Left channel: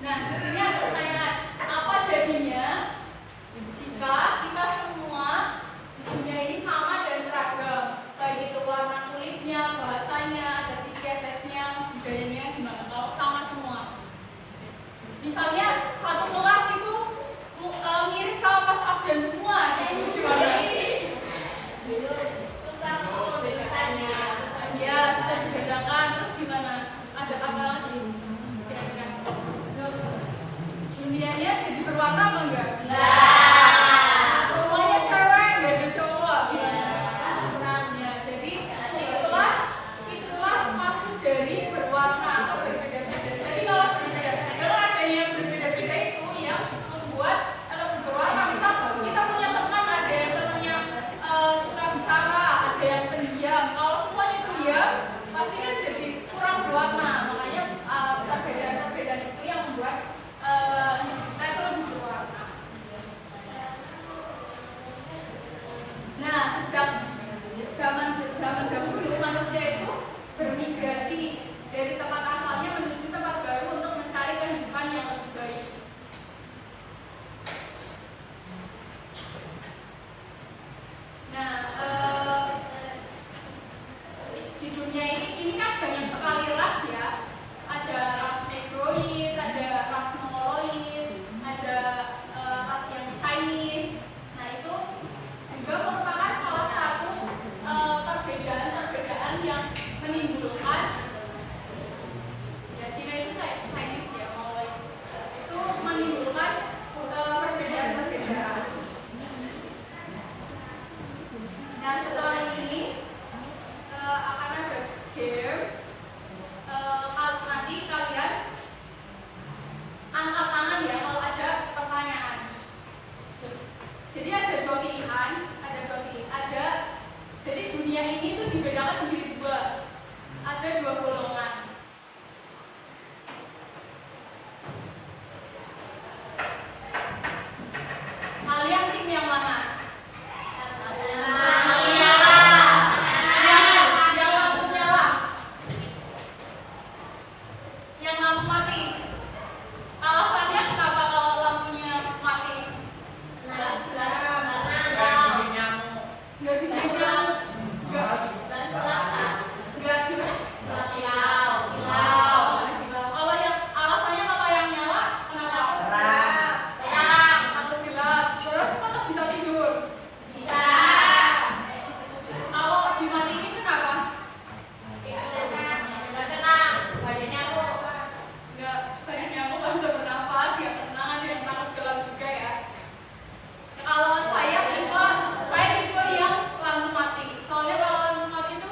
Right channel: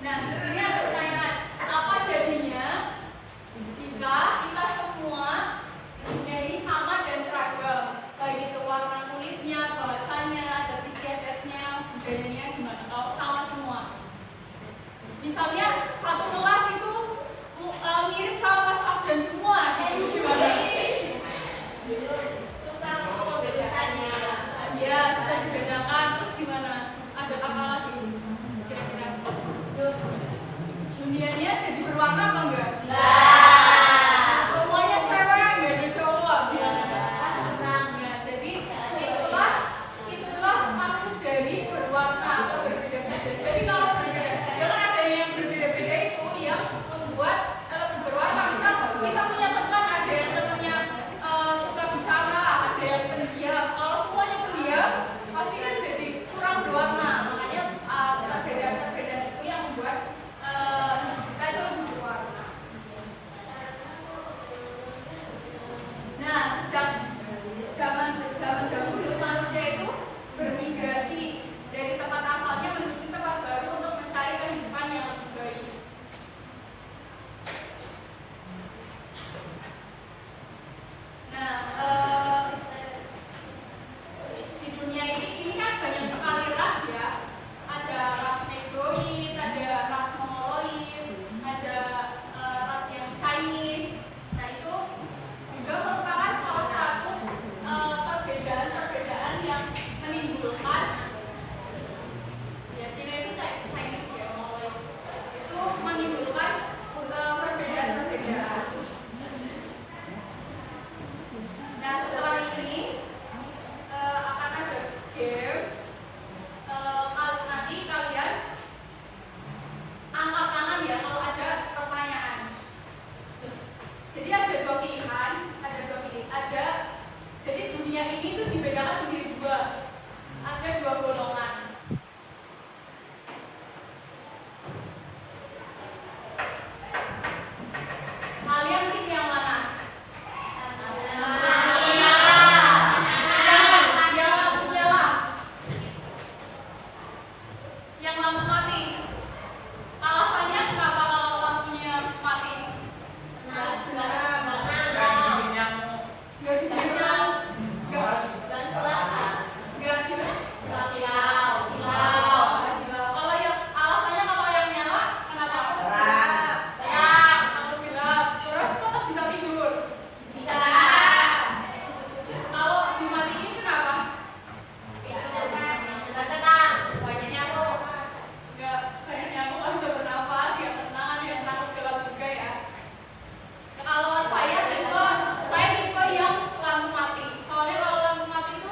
Nah, ini ada pertanyaan, apa jadinya jika kita semua di dunia ini sama dan seragam, baik itu warna kulitnya, bahasanya, adat istiadatnya, budayanya gimana kalau sama semua? Misalnya satu kelas itu mirip sama Mas Abdan semua, itu gimana? Susah membedakannya. Ya, susah dibedakan. Terus gimana? Ada apa lagi? Kira-kira dunianya jadi berwarna apa enggak? Enggak. Semuanya cewek, enggak ada cowok, gimana? Ya, jadi itulah maksud dari berwarna atau berbeda-beda. Jadi kalau berbeda, kalau ada yang berbeda-beda itu yang membuat berwarna. Misal kita punya teman, ada yang temannya suka bicara, ada yang pendiam. Kalau semuanya pendiam, pasti kan jadi kurang berwarna. Makanya perbedaan-perbedaan itu yang membuat kita itu lebih berwarna. Nah, sejak zaman dahulu manusia itu bermigrasi dari tempat asalnya menuju tempat baru untuk mencari kehidupan yang lebih baik. Nah, di dunia ini kan banyak sekali ras ya. Ada ras Negroid, ada ras Mongoloid, ada ras yang Chinese. Nah, itu juga merupakan salah satu perbedaan-perbedaan yang menimbulkan, ya Cina itu Chinese ya, Mongoloid itu menimbulkan perbedaan-perbedaan. Nah, setelah ini akan ada game. Nanti kalian angkat tangan ya kalau ada pertanyaan. Jadi ada dua pilihan. Jadi dunia ini itu dibedakan menjadi dua. Ada dua golongan. Kalian tim yang mana? Yang lampu mati. Alasannya kenapa kalau lampunya mati? Enggak Kalau yang alasannya kalau yang nyala kenapa? Takut gelap. Terus tetap bisa tidur. Kalau dimatiin kenapa? Enggak banyak nyamuk, nggak bisa bernafas, nggak tenang, ada yang takut gelap juga ya. Kalau saya tipe yang lampu mati. Soalnya kalau lampu mati itu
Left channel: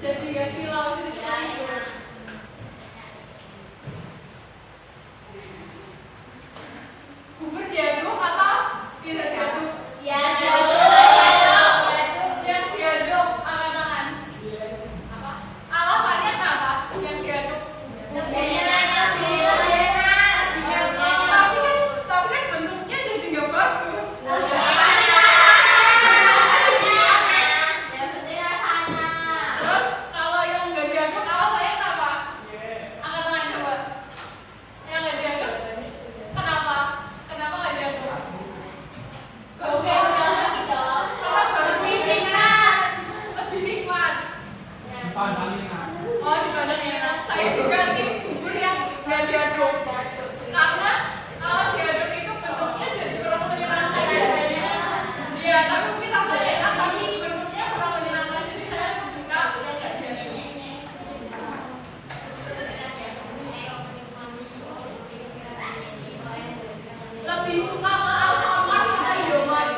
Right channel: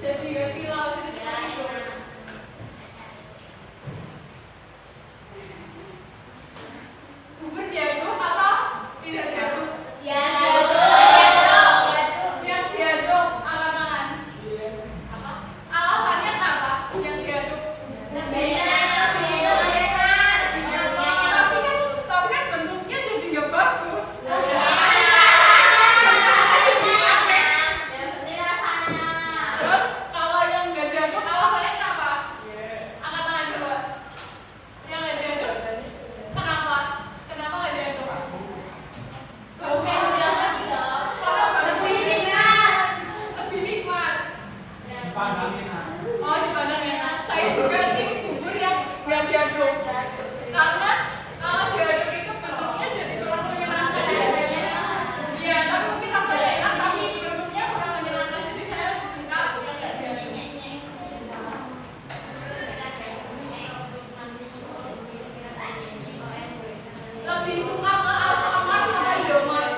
jadi gak silau, jadi cepat tidur. Bubur diaduk atau tidak diaduk? Yang diaduk angkat tangan. Alasannya kenapa? Yang diaduk? Tapi kan bentuknya jadi nggak bagus. Terus kalau yang nggak diaduk alasannya kenapa? Angkat tangan coba. Yang nggak diaduk kenapa? Kenapa nggak diaduk? Baunya karena lebih nikmat. Oh, dipandang enak. Saya juga tim bubur yang nggak diaduk. Karena kalau diaduk itu bentuknya jadi kurang menyenangkan kayaknya. Iya, tapi mungkin rasanya enak, tapi bentuknya kurang menyenangkan. Jadi saya lebih suka yang nggak diaduk. Lebih suka ke Alfamart atau Indomart?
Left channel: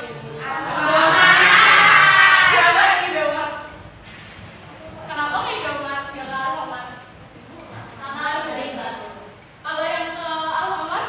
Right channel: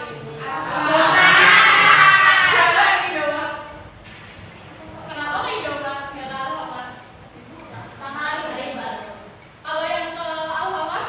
Siapa yang Indomart? Kenapa ke Indomart? Nggak ke Alfamart? Kalau yang ke Alfamart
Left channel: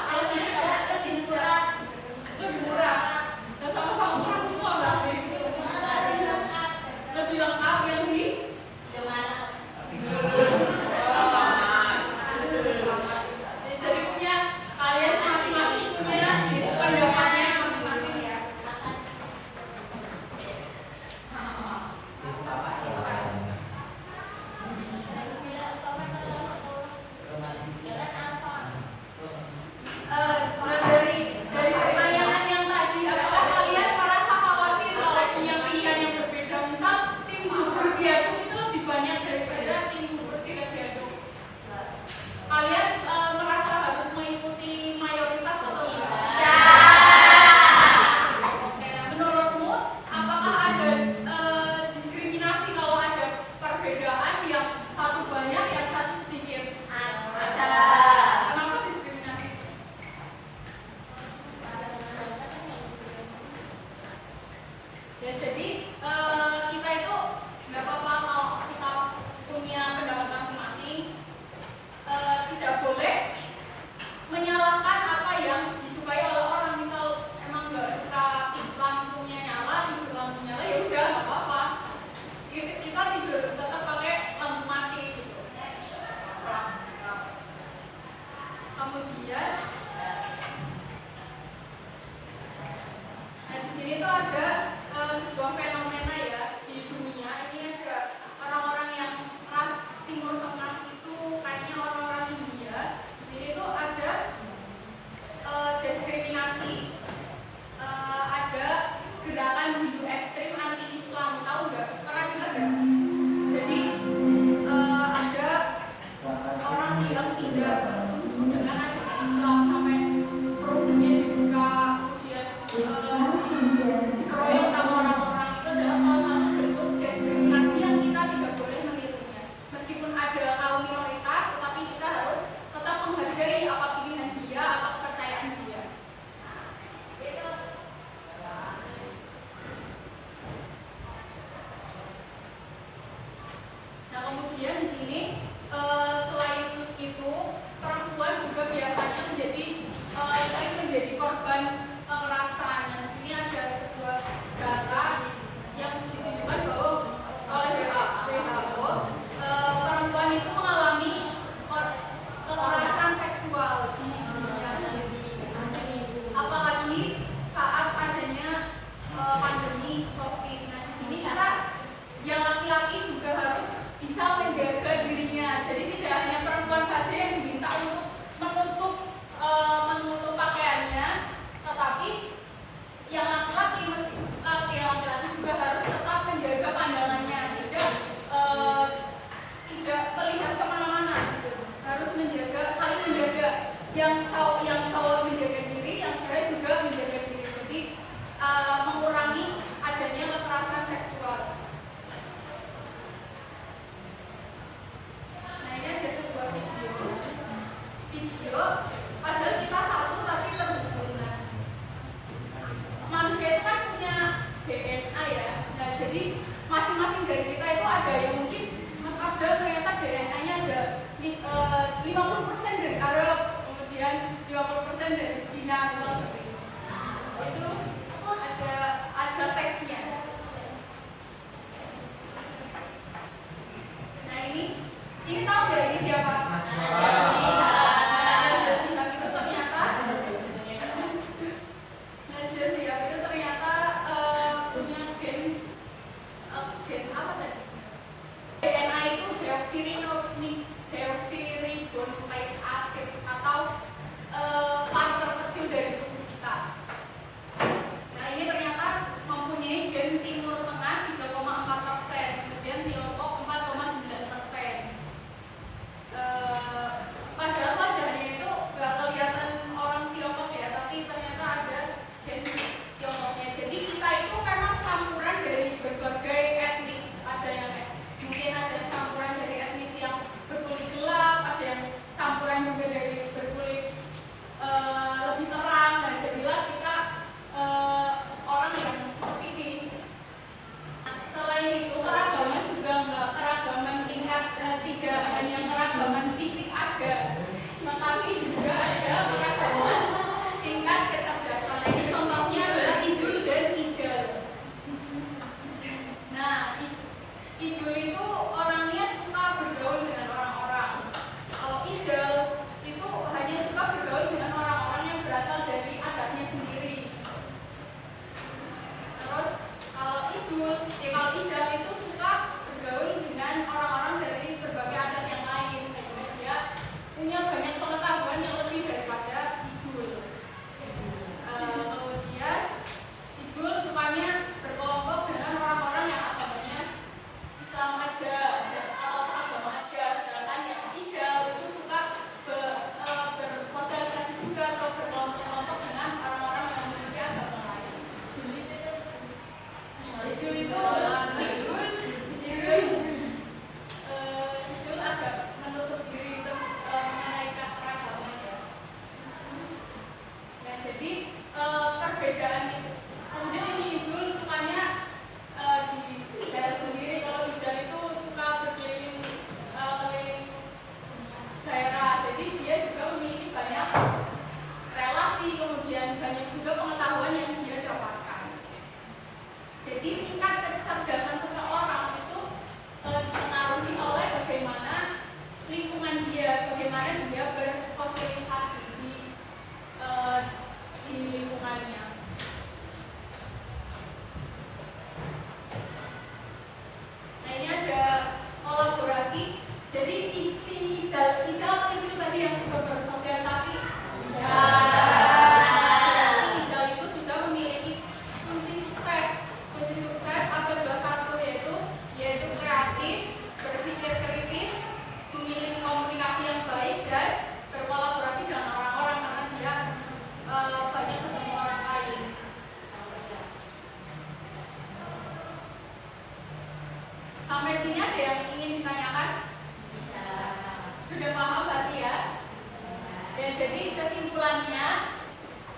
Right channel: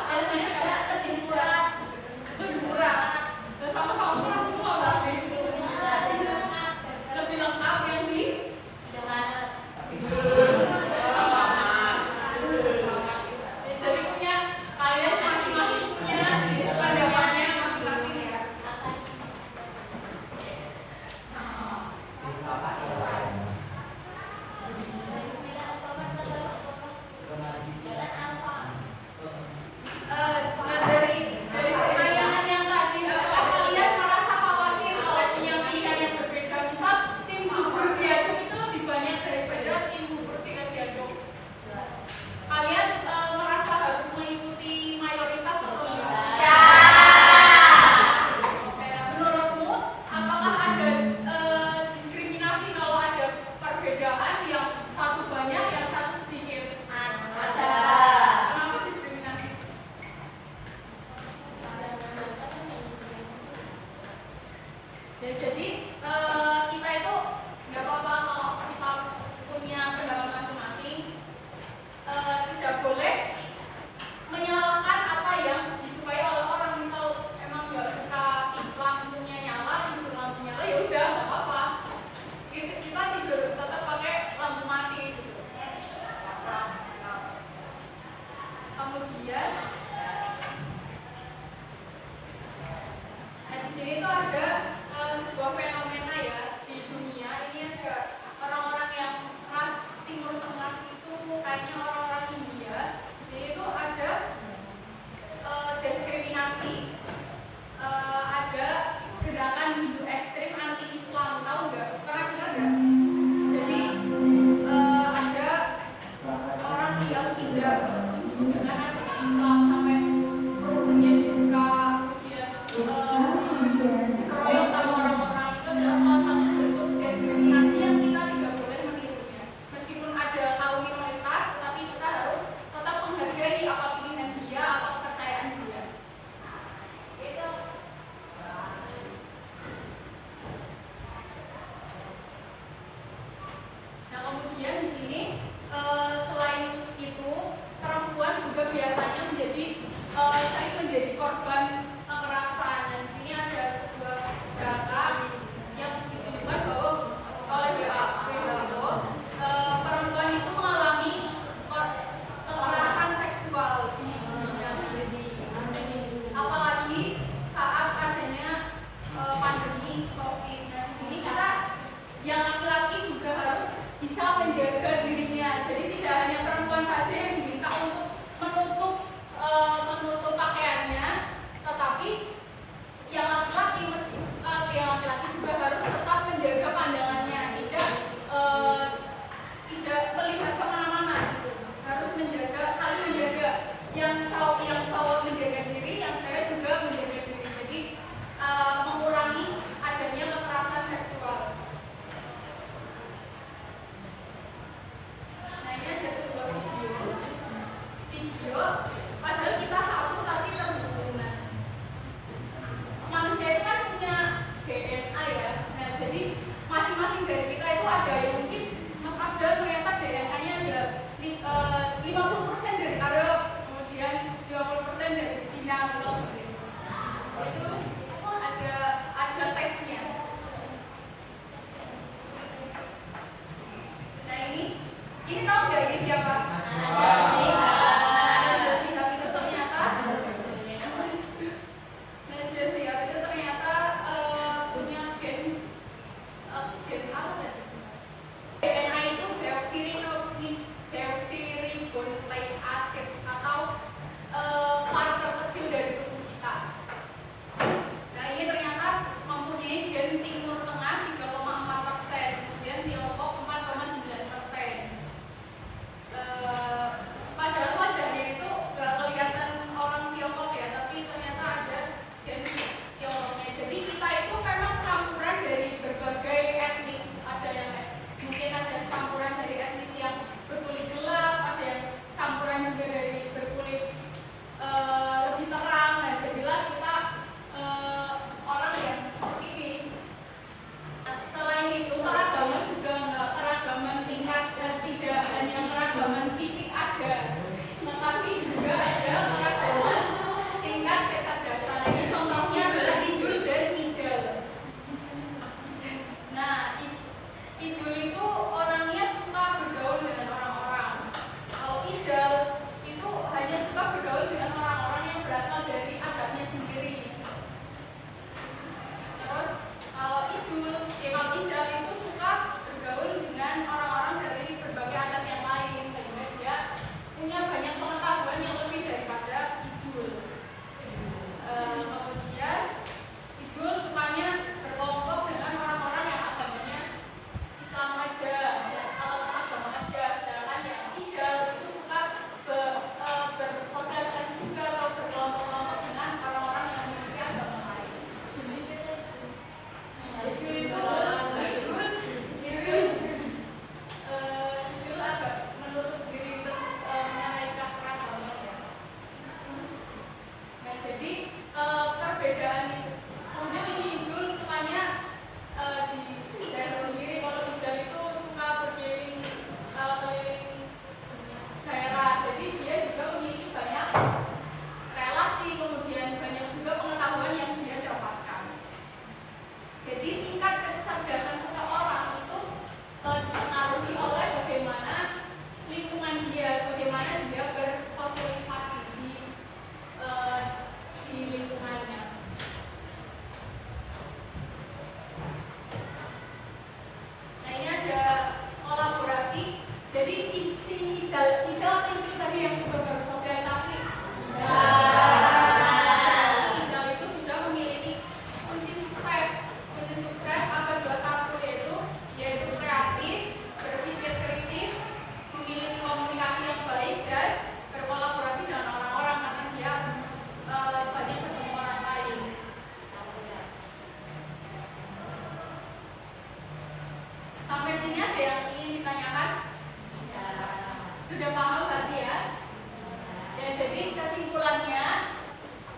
kesimpulannya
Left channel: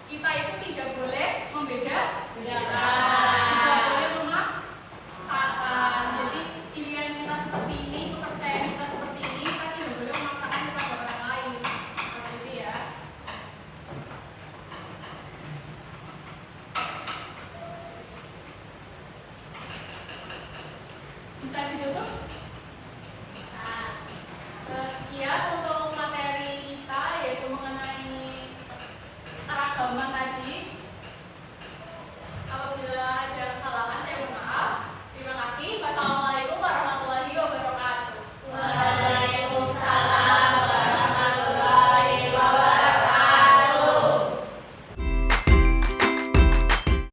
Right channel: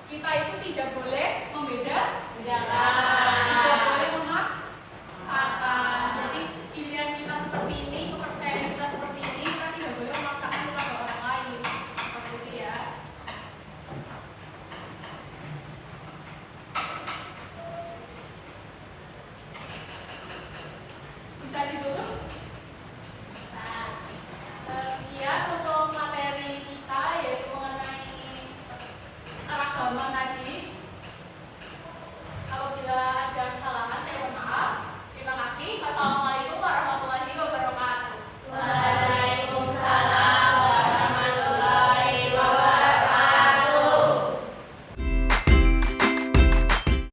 kita itu tidak boleh membedakan, tidak boleh memaksakan. Jadi pilihan kita seperti ini, kepercayaan kita seperti ini, kita tidak boleh memaksakan kepada orang lain. Seperti itu ya. Bisa ditutup? Sekian untuk materi kita, yaitu mengenai keragaman tadi.